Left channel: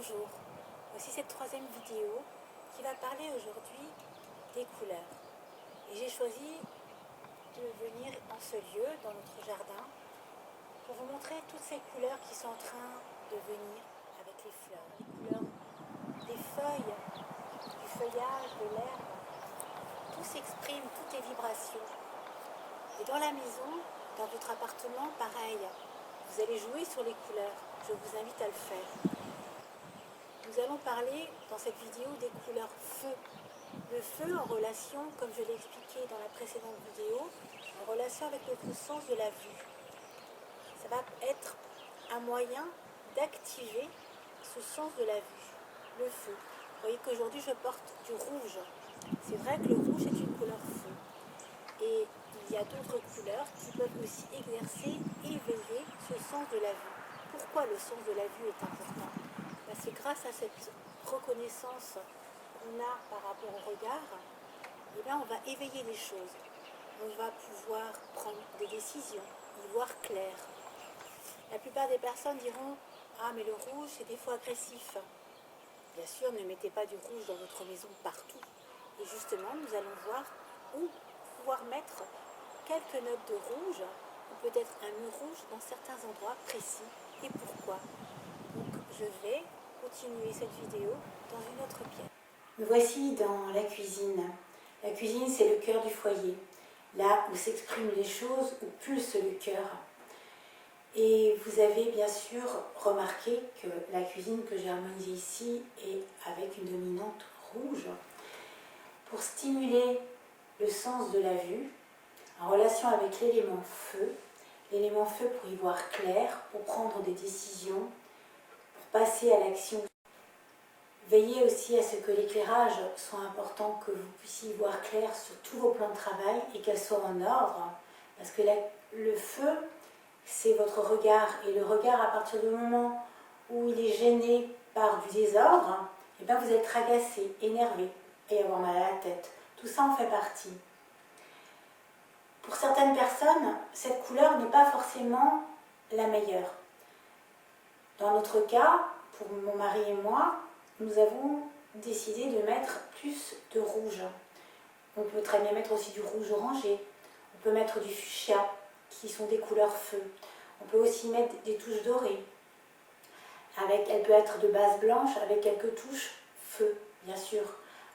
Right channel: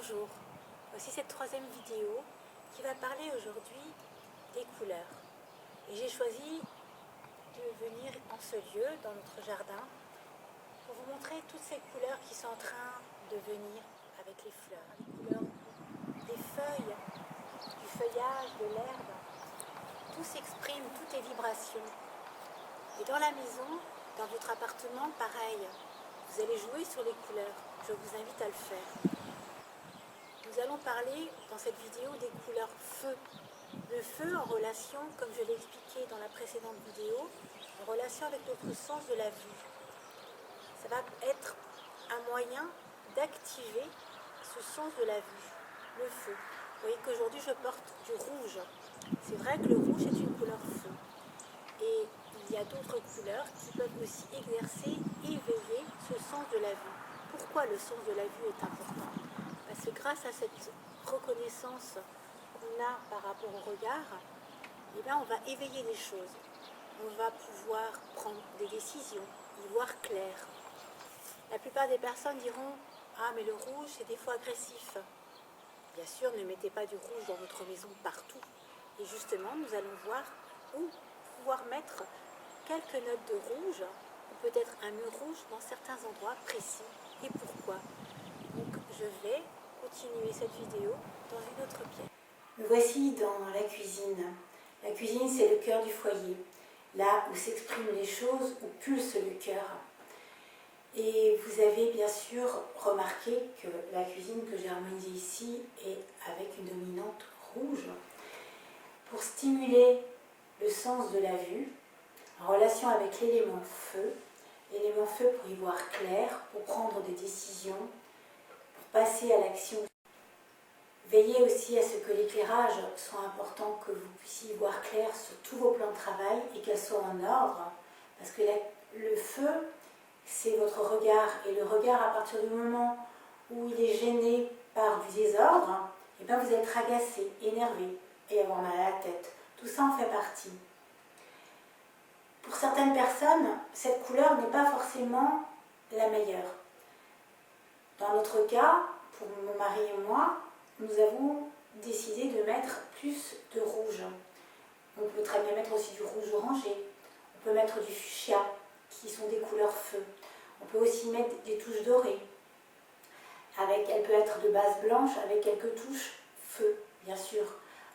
Bonjour, voici cette troisième vidéo qui va parler aujourd'hui des couleurs. Et j'ai choisi de venir en ce lieu, dans notre jardin, pour vous montrer toutes ces couleurs qui sont en train de venir avec les fleurs. Les couleurs des feuilles, du feuillage, de l'herbe, tout s'exprime, tout est vibration. Et dans la maison, dans votre appartement, pareil, vous allez jouer sur les couleurs. Je vous invite à le faire. Nous allons parler dans cette vidéo des couleurs feu. Le feu en relation, comme je l'ai expliqué dans la précédente vidéo, en relation avec notre sens de la vue. Ça va être un moyen d'activer ce sens de la vue, le feu. Vous voyez qu'aujourd'hui je porte du rouge. C'est vrai que le rouge est une couleur feu. Et il y a d'autres couleurs qui peuvent aussi exercer, éveiller ce sens de la vue. Pourquoi le sens de la vue est important ? Parce que grâce à cette reconnaissance qu'on a par rapport au regard, eh bien on va éveiller des choses. On va pouvoir prendre des décisions, y voir clair. La plupart des personnes diront « Ah, mais le rouge, c'est des fois agressif ». Bien sûr, ne mettez pas du rouge dans votre maison partout. Et justement, nous allons voir où pouvoir mettre quelques notes de rouge, ou peut-être un mur rouge dans certains endroits précis, et pourquoi. Donc, je vais continuer cette vidéo dans une autre pièce. Me voici dans la cuisine. La cuisine, c'est le cœur du foyer, là où s'expriment les choses, où pulse le cœur. Et vous avez bien sûr remarqué que la cuisine que j'ai harmonisée ici est avec une dominante rouge pour stimuler le sens de la vue en relation avec l'élément feu pour y voir clair, pour prendre des décisions, pour passer à l'action. Veillez aussi à ce que l'éclairage soit important, que vous puissiez y voir clair sur tous vos plans de travail et qu'elle soit en ordre, parce que le feu, c'est votre regard, et le regard, à partir du moment où il est gêné par du désordre, et bien vous êtes agacé, énervé, et avoir mal à la tête. Tout ça en fait partie. Pour certaines personnes, cette couleur n'est pas forcément la meilleure. Dans notre cas, pour mon mari et moi, nous avons décidé de mettre plus de rouge. On peut très bien mettre aussi du rouge orangé. On peut mettre du fuchsia, qui sont des couleurs feu. On peut aussi mettre des touches dorées. Elle peut être de base blanche avec quelques touches feu, bien sûr.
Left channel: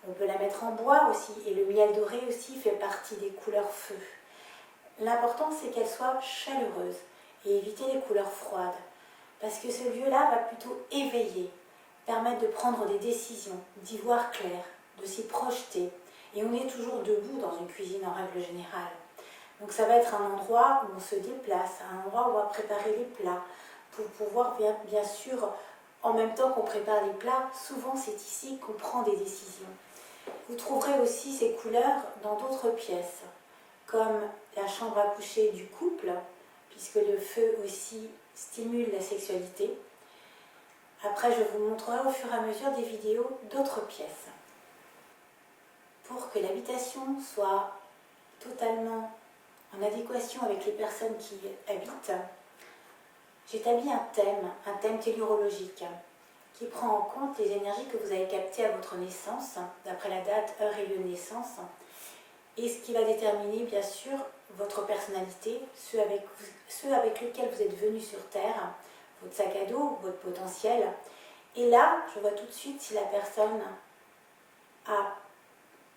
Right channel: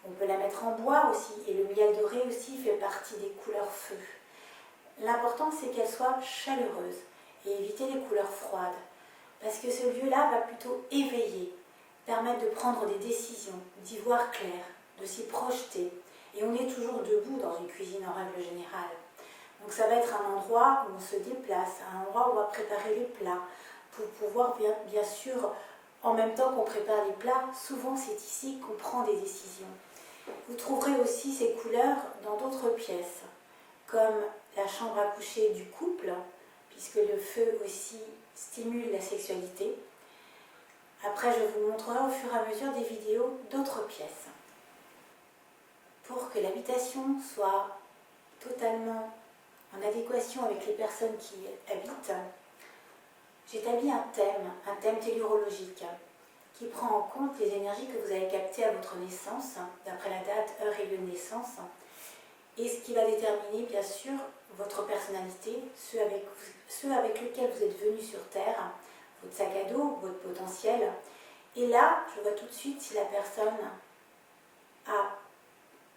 On peut la mettre en bois aussi, et le miel doré aussi fait partie des couleurs feu. L'important, c'est qu'elle soit chaleureuse et éviter les couleurs froides, parce que ce lieu-là va plutôt éveiller, permettre de prendre des décisions, d'y voir clair, de s'y projeter. Et on est toujours debout dans une cuisine en règle générale. Donc ça va être un endroit où on se déplace, un endroit où on va préparer les plats, pour pouvoir bien sûr, en même temps qu'on prépare les plats, souvent c'est ici qu'on prend des décisions. Vous trouverez aussi ces couleurs dans d'autres pièces, comme la chambre à coucher du couple, puisque le feu aussi stimule la sexualité. Après, je vous montrerai au fur et à mesure des vidéos d'autres pièces. Pour que l'habitation soit totalement en adéquation avec les personnes qui y habitent, j'établis un thème tellurologique, qui prend en compte les énergies que vous avez captées à votre naissance, d'après la date, heure et lieu de naissance, et ce qui va déterminer bien sûr votre personnalité, ceux avec lesquels vous êtes venu sur Terre, votre sac à dos, votre potentiel. Et là, je vois tout de suite si la personne a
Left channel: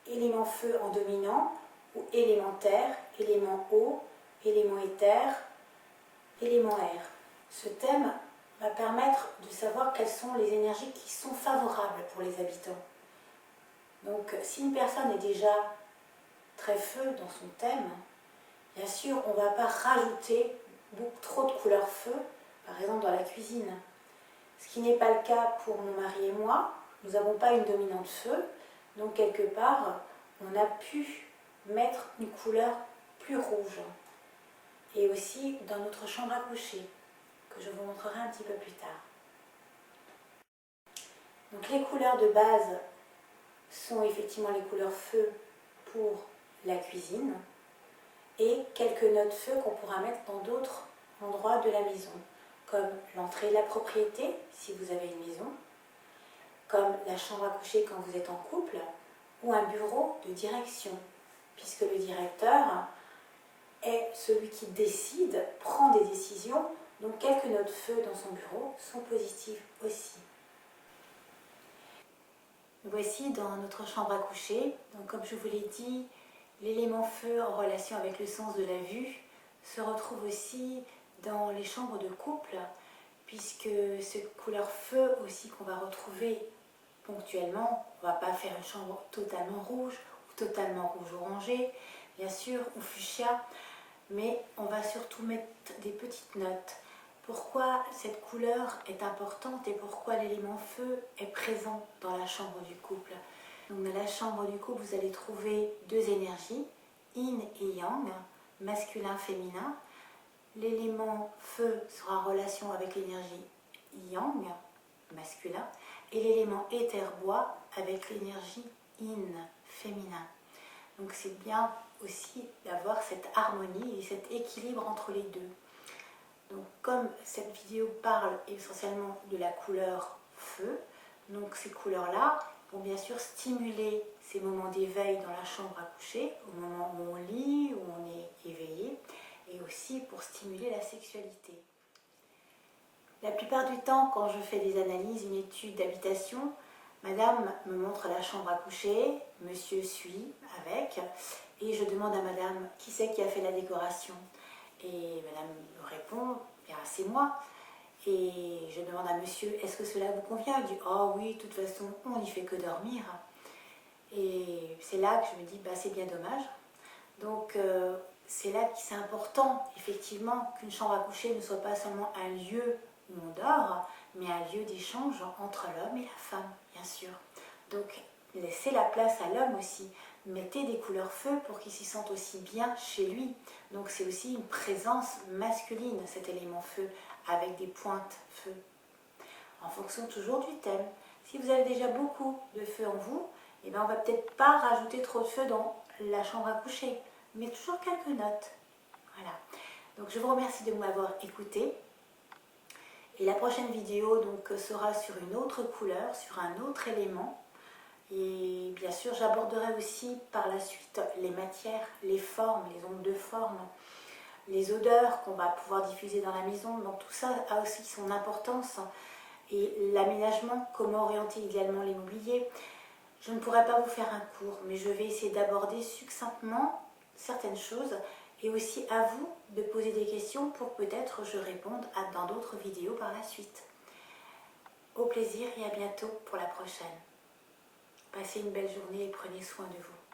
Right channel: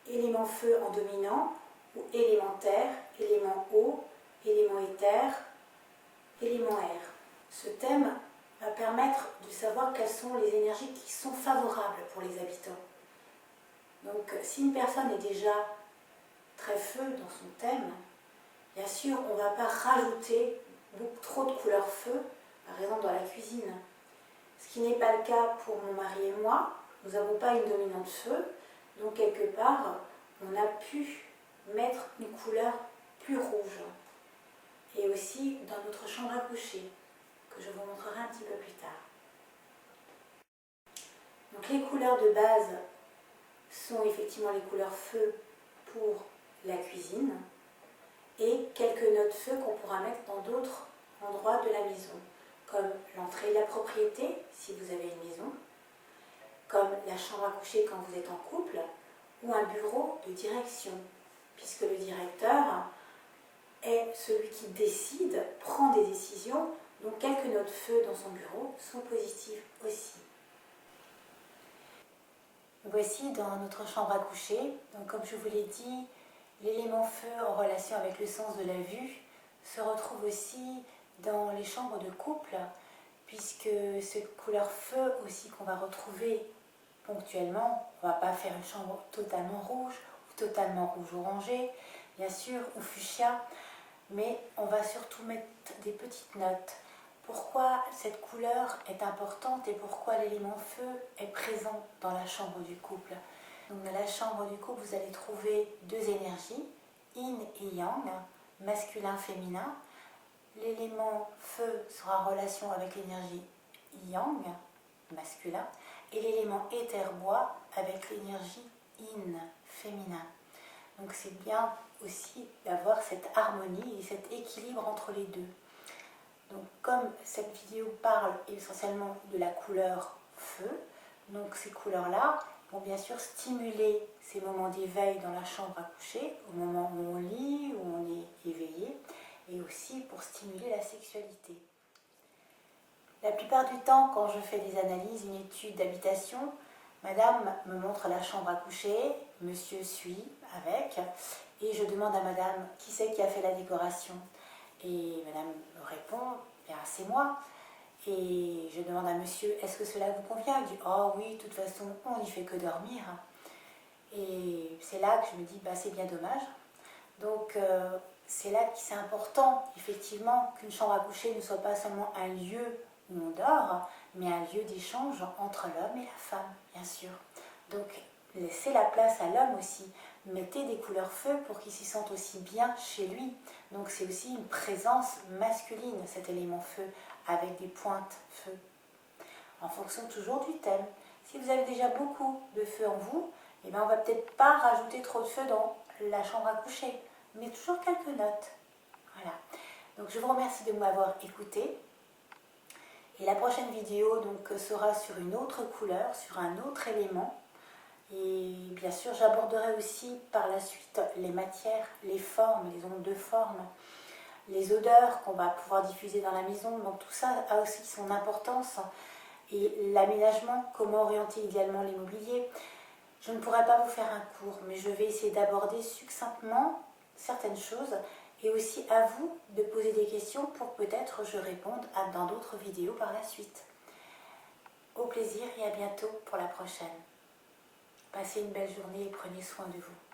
élément feu en dominant, ou élément terre, élément eau, élément éther, élément air. Ce thème va permettre de savoir quelles sont les énergies qui sont favorables pour les habitants. Donc, si une personne est déjà très feu dans son thème, bien sûr, on ne va pas rajouter trop de couleurs feu, par exemple dans la cuisine. Ce qui n'est pas le cas pour mon mari et moi. Nous n'avons pas une dominante feu, donc quelque part, on a pu mettre une couleur plus rouge. Et aussi dans notre chambre à coucher, que je vous montrerai un petit peu plus tard. Donc les couleurs de base sont effectivement les couleurs feu pour la cuisine, et quelques notes feu qu'on pourra mettre dans d'autres endroits de la maison, comme l'entrée de la propriété, si vous avez une maison, comme la chambre à coucher quand vous êtes en couple, ou un bureau de direction, puisque le directeur est celui qui décide, prend des décisions, donc quelques notes feu dans son bureau sont positives aussi. Voici dans notre chambre à coucher, donc comme je vous l'ai dit, l'élément feu en relation avec le sens de la vue se retrouve aussi dans les chambres de couple, puisque cette couleur feu aussi qu'on va retrouver ponctuellement, on ne va pas faire une chambre totalement rouge ou totalement rouge-orangé, bien sûr, ou fuchsia, mais on va surtout mettre des petites notes. Pourquoi cette couleur est importante et pourquoi l'élément feu est présent dans la chambre du couple. Donc dans la chambre du couple, vous allez trouver deux énergies, yin et yang, masculin-féminin. L'élément feu sera en relation avec l'énergie yang, masculin, et l'élément éther-bois avec l'énergie yin, féminin. Donc c'est bien aussi d'avoir cette harmonie et cet équilibre entre les deux. Donc comme cette vidéo parle essentiellement de la couleur feu, donc ces couleurs-là vont bien sûr stimuler ces moments d'éveil dans la chambre à coucher, au moment où on lit, où on est éveillé, et aussi pour stimuler la sexualité. La plupart du temps, quand je fais des analyses, une étude d'habitation, madame me montre la chambre à coucher, monsieur suit avec, et je demande à madame qui c'est qui a fait la décoration. Et madame répond, bien c'est moi. Et je demande à monsieur, est-ce que cela vous convient? Il dit, oh oui, de toute façon, on n'y fait que dormir. Et c'est là que je me dis, bah, c'est bien dommage. Donc c'est là que c'est important, effectivement, qu'une chambre à coucher ne soit pas seulement un lieu où on dort, mais un lieu d'échange entre l'homme et la femme, bien sûr. Donc laissez la place à l'homme aussi. Mettez des couleurs feu pour qu'il s'y sente aussi bien chez lui. Donc c'est aussi une présence masculine, cet élément feu, avec des pointes feu. En fonction toujours du thème. Si vous avez déjà beaucoup de feu en vous, eh bien on ne va peut-être pas rajouter trop de feu dans la chambre à coucher, mais toujours quelques notes. Voilà. Donc je vous remercie de m'avoir écouté. Et la prochaine vidéo donc, sera sur une autre couleur, sur un autre élément. Et bien sûr, j'aborderai aussi par la suite les matières, les formes, les ondes de forme, les odeurs qu'on va pouvoir diffuser dans la maison. Donc tout ça a aussi son importance. Et l'aménagement, comment orienter idéalement l'immobilier. Je ne pourrai pas vous faire un cours, mais je vais essayer d'aborder succinctement certaines choses et aussi à vous de poser des questions pour peut-être je réponde dans d'autres vidéos par la suite. Au plaisir et à bientôt pour la prochaine. Passez une belle journée et prenez soin de vous.